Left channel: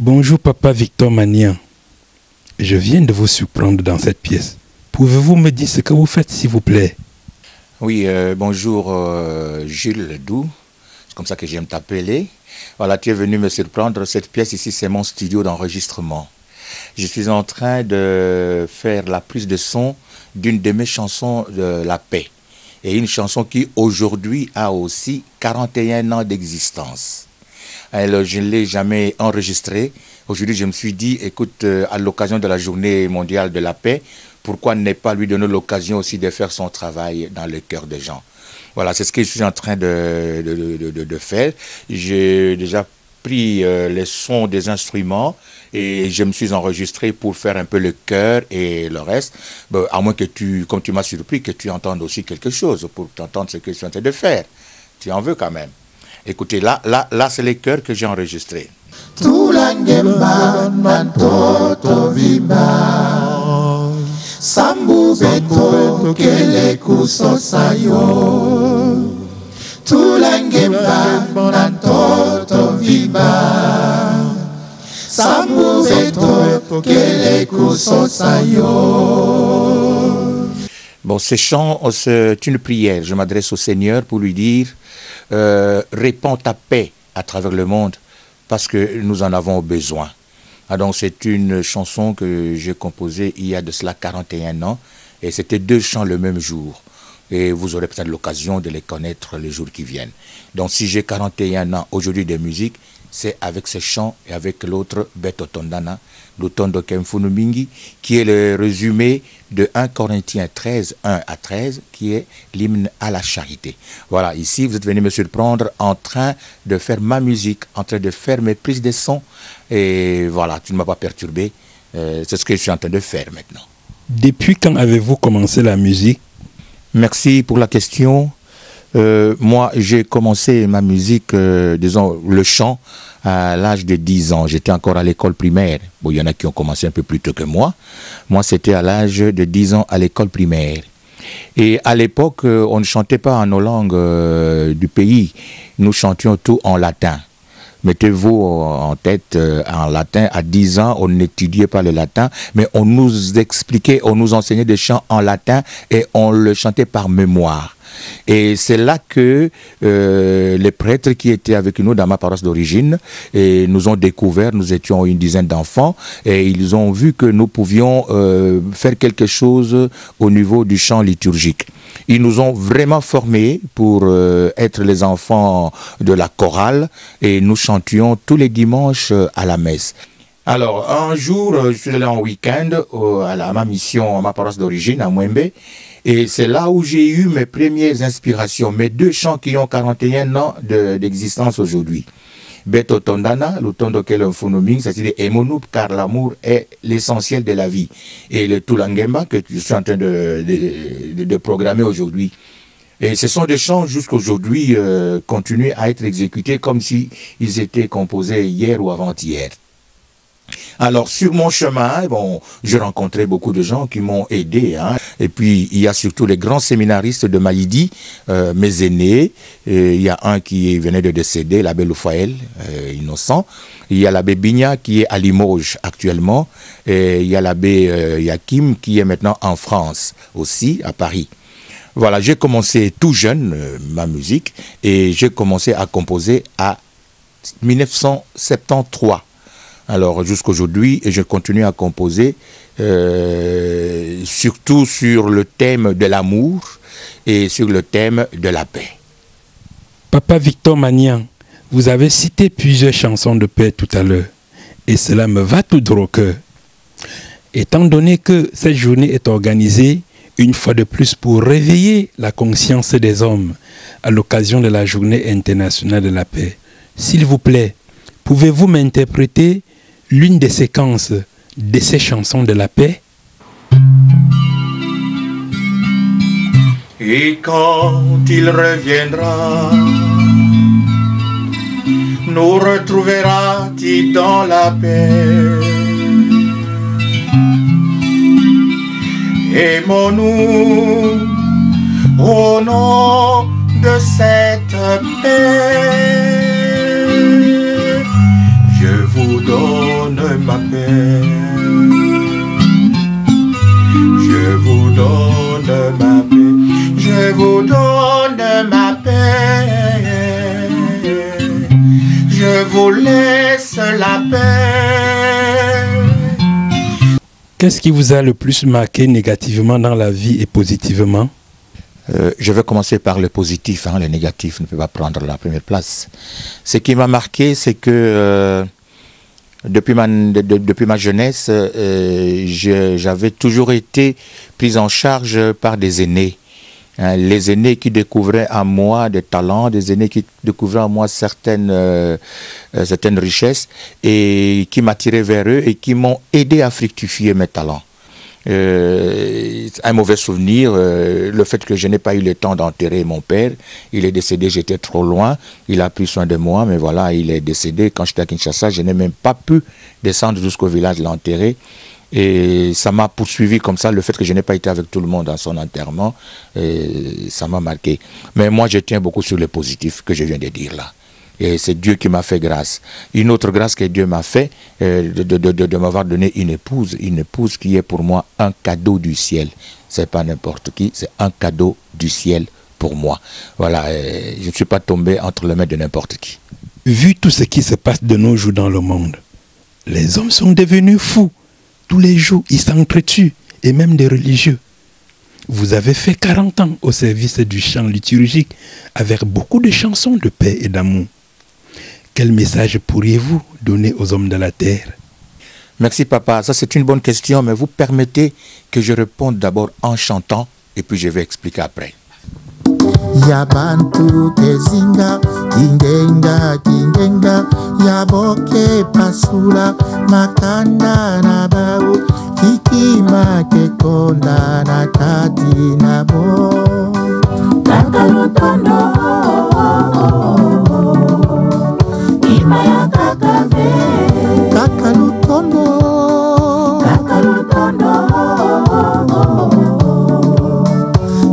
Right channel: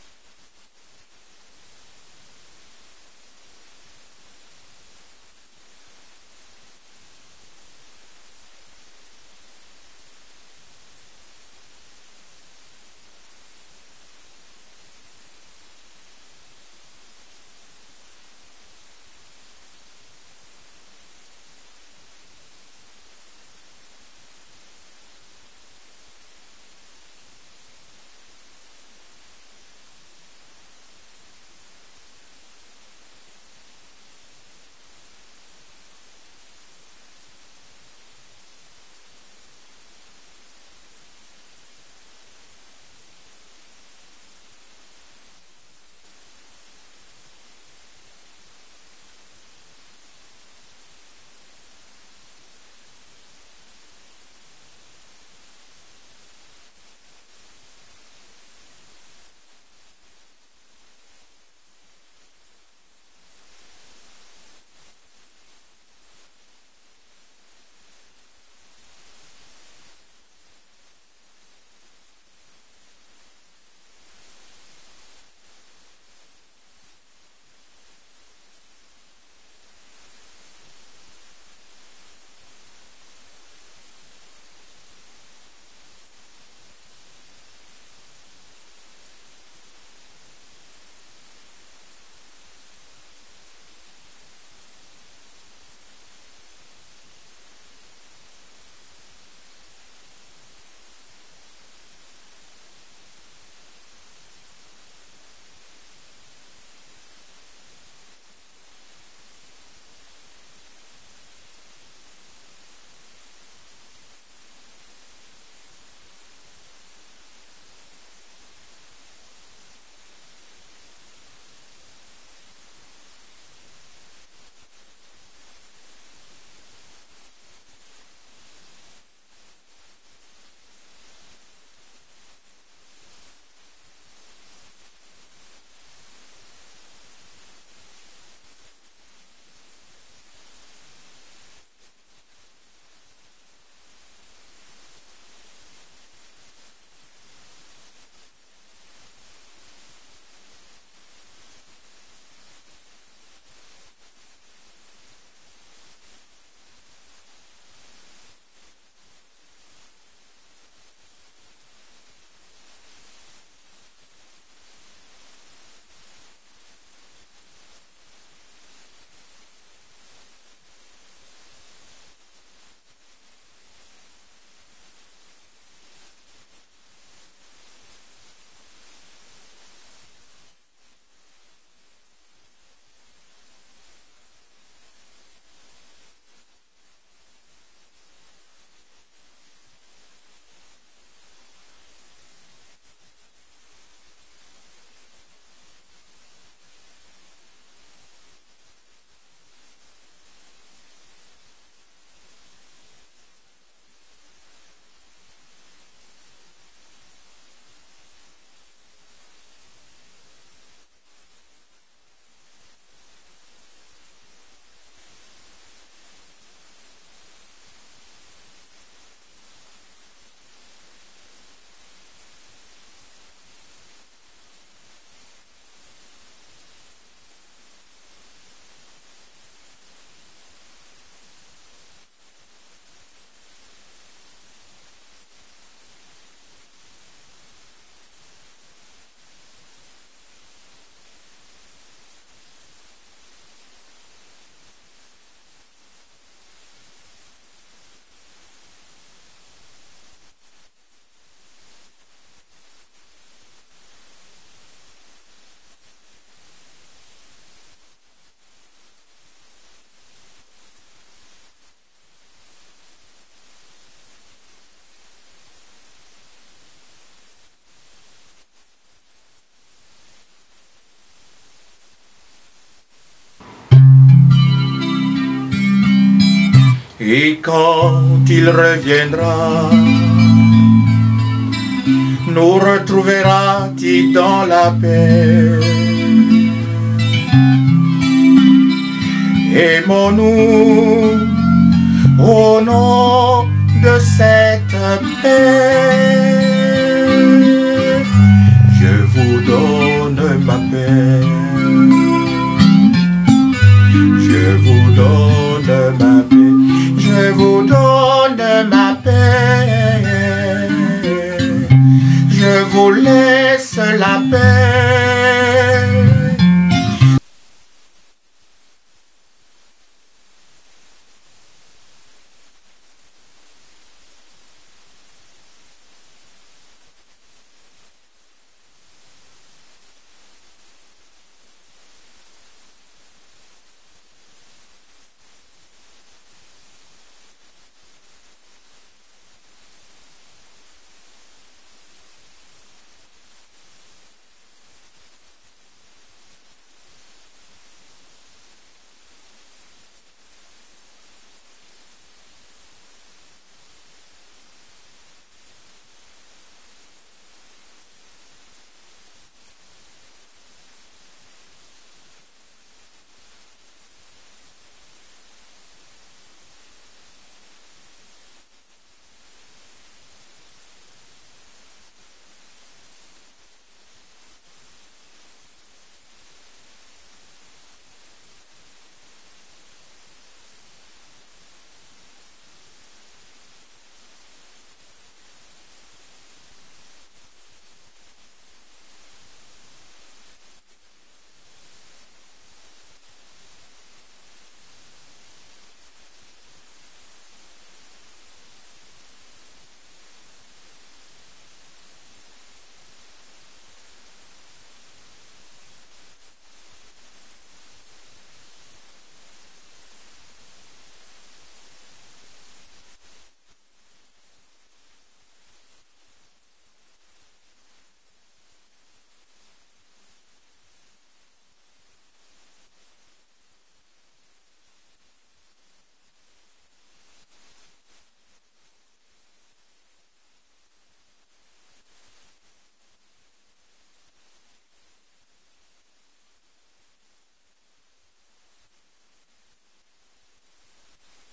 Bonjour Papa Victor Manian. Je viens de vous surprendre dans cette pièce. Pouvez-vous me dire ce que vous faites, s'il vous plaît? Oui, bonjour Jules Doux, c'est comme ça que j'aime t'appeler. Voilà, tu es venu me surprendre. Cette pièce ici, c'est mon studio d'enregistrement. Je suis en train de faire la prise de son d'une de mes chansons de la paix. Et une chanson qui aujourd'hui a aussi 41 ans d'existence. Alors, je ne l'ai jamais enregistrée. Aujourd'hui, je me suis dit, écoute, à l'occasion de la journée mondiale de la paix, pourquoi ne pas lui donner l'occasion aussi de faire son travail dans le cœur des gens? Voilà, c'est ce que je suis en train de faire. J'ai déjà pris les sons des instruments et je me suis enregistré pour faire un peu le chœur et le reste. Bon, à moins que tu, comme tu m'as surpris, que tu entendes aussi quelque chose pour t'entendre ce que je suis en train de faire. Tu en veux quand même. Écoutez, là c'est les chœurs que j'ai enregistrés. Tulangemba mantoto viba Sambu beto kele kusosayo Tulangemba mantoto viba Sambu beto kele kusosayo. Bon, ces chants, c'est une prière. Je m'adresse au Seigneur pour lui dire répands ta paix à travers le monde parce que nous en avons besoin. Ah, donc c'est une chanson que j'ai composée il y a de cela 41 ans et c'était deux chants le même jour. Et vous aurez peut-être l'occasion de les connaître les jours qui viennent. Donc si j'ai 41 ans aujourd'hui de musique, c'est avec ces chants et avec l'autre Beto Tondana, l'Utondo Kemfunumingi, qui est le résumé de 1 Corinthiens 13, 1 à 13, qui est l'hymne à la charité. Voilà, ici vous êtes venu me surprendre en train de faire ma musique, en train de faire mes prises de son. Et voilà, tu ne m'as pas perturbé. C'est ce que je suis en train de faire maintenant. Depuis quand avez-vous commencé la musique? Merci pour la question. Moi, j'ai commencé ma musique, disons, le chant, à l'âge de 10 ans. J'étais encore à l'école primaire. Bon, il y en a qui ont commencé un peu plus tôt que moi. Moi, c'était à l'âge de 10 ans à l'école primaire. Et à l'époque, on ne chantait pas en nos langues du pays. Nous chantions tout en latin. Mettez-vous en tête, en latin, à 10 ans, on n'étudiait pas le latin, mais on nous expliquait, on nous enseignait des chants en latin et on le chantait par mémoire. Et c'est là que les prêtres qui étaient avec nous dans ma paroisse d'origine nous ont découvert, nous étions une dizaine d'enfants, et ils ont vu que nous pouvions faire quelque chose au niveau du chant liturgique. Ils nous ont vraiment formés pour être les enfants de la chorale et nous chantions tous les dimanches à la messe. Alors, un jour, je suis allé en week-end à ma mission, à ma paroisse d'origine, à Mwembe. Et c'est là où j'ai eu mes premières inspirations, mes deux chants qui ont 41 ans d'existence aujourd'hui. Beto Tondana, l'Utondo Kelonfunoming, c'est-à-dire Emonup, car l'amour est l'essentiel de la vie. Et le Tulangemba, que je suis en train de programmer aujourd'hui. Et ce sont des chants jusqu'aujourd'hui continuent à être exécutés comme s'ils étaient composés hier ou avant-hier. Alors, sur mon chemin, bon, j'ai rencontré beaucoup de gens qui m'ont aidé. Hein. Et puis, il y a surtout les grands séminaristes de Maïdi, mes aînés. Et il y a un qui venait de décéder, l'abbé Loufaël, innocent. Il y a l'abbé Bigna qui est à Limoges actuellement. Et il y a l'abbé Yakim qui est maintenant en France aussi, à Paris. Voilà, j'ai commencé tout jeune ma musique et j'ai commencé à composer à 1973. Alors jusqu'aujourd'hui, je continue à composer, surtout sur le thème de l'amour et sur le thème de la paix. Papa Victor Manian, vous avez cité plusieurs chansons de paix tout à l'heure, et cela me va tout droit au cœur. Étant donné que cette journée est organisée, une fois de plus, pour réveiller la conscience des hommes à l'occasion de la Journée internationale de la paix, s'il vous plaît, pouvez-vous m'interpréter l'une des séquences de ces chansons de la paix? Et quand il reviendra, nous retrouvera-t-il dans la paix? Aimons-nous au nom de cette paix. Je vous donne Qu'est-ce qui vous a le plus marqué négativement dans la vie et positivement? Je vais commencer par le positif, hein, le négatif ne peut pas prendre la première place. Ce qui m'a marqué, c'est que depuis ma jeunesse, j'avais toujours été pris en charge par des aînés. Hein, les aînés qui découvraient en moi des talents, des aînés qui découvraient en moi certaines richesses et qui m'attiraient vers eux et qui m'ont aidé à fructifier mes talents. Un mauvais souvenir, le fait que je n'ai pas eu le temps d'enterrer mon père. Il est décédé, j'étais trop loin. Il a pris soin de moi, mais voilà, il est décédé. Quand j'étais à Kinshasa, je n'ai même pas pu descendre jusqu'au village l'enterrer. Et ça m'a poursuivi comme ça, le fait que je n'ai pas été avec tout le monde à son enterrement, ça m'a marqué. Mais moi, je tiens beaucoup sur le positif que je viens de dire là. Et c'est Dieu qui m'a fait grâce. Une autre grâce que Dieu m'a fait, de m'avoir donné une épouse qui est pour moi un cadeau du ciel. C'est pas n'importe qui, c'est un cadeau du ciel pour moi. Voilà, je ne suis pas tombé entre les mains de n'importe qui. Vu tout ce qui se passe de nos jours dans le monde, les hommes sont devenus fous. Tous les jours, ils s'entretuent, et même des religieux. Vous avez fait 40 ans au service du chant liturgique avec beaucoup de chansons de paix et d'amour. Quel message pourriez-vous donner aux hommes de la terre? Merci papa, ça c'est une bonne question, mais vous permettez que je réponde d'abord en chantant et puis je vais expliquer après. Yabantu kezinga kingenga kingenga yaboke pasula makanda na bau kikima kekonda na tati na bo kakalutondo imaya kakave kakalutondo kakalutondo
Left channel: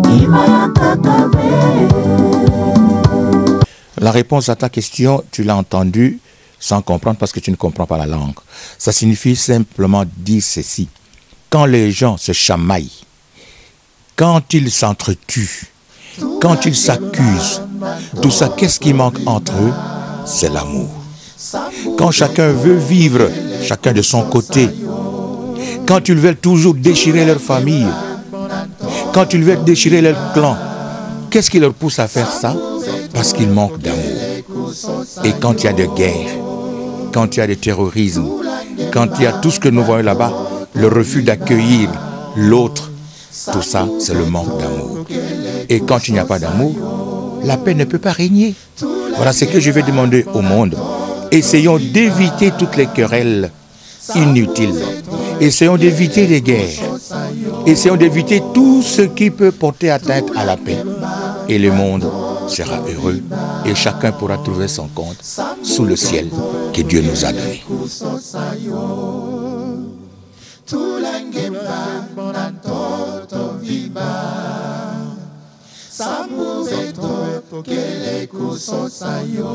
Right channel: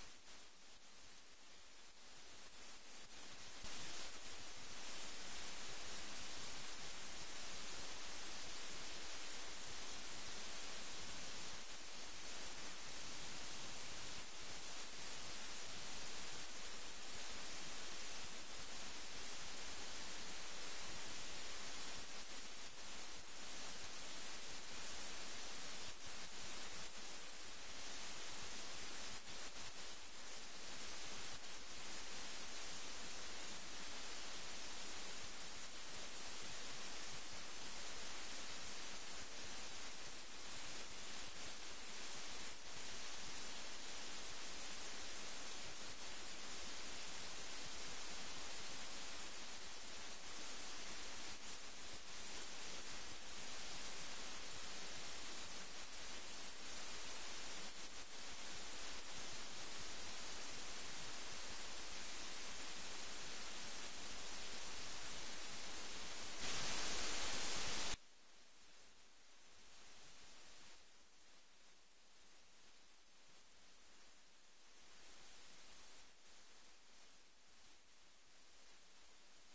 imaya kakave. La réponse à ta question, tu l'as entendue sans comprendre parce que tu ne comprends pas la langue. Ça signifie simplement dire ceci. Quand les gens se chamaillent, quand ils s'entretuent, quand ils s'accusent, tout ça, qu'est-ce qui manque entre eux? C'est l'amour. Quand chacun veut vivre, chacun de son côté, quand ils veulent toujours déchirer leur famille, quand ils veulent déchirer leur clan, qu'est-ce qui leur pousse à faire ça? Parce qu'il manque d'amour. Et quand il y a de guerre, quand il y a de terrorisme, quand il y a tout ce que nous voyons là-bas, le refus d'accueillir l'autre, tout ça, c'est le manque d'amour. Et quand il n'y a pas d'amour, la paix ne peut pas régner. Voilà ce que je vais demander au monde. Essayons d'éviter toutes les querelles inutiles. Essayons d'éviter les guerres. Essayons d'éviter tout ce qui peut porter atteinte à la paix. Et le monde sera heureux et chacun pourra trouver son compte sous le ciel que Dieu nous a donné. Sambuveto, kele kusosayo.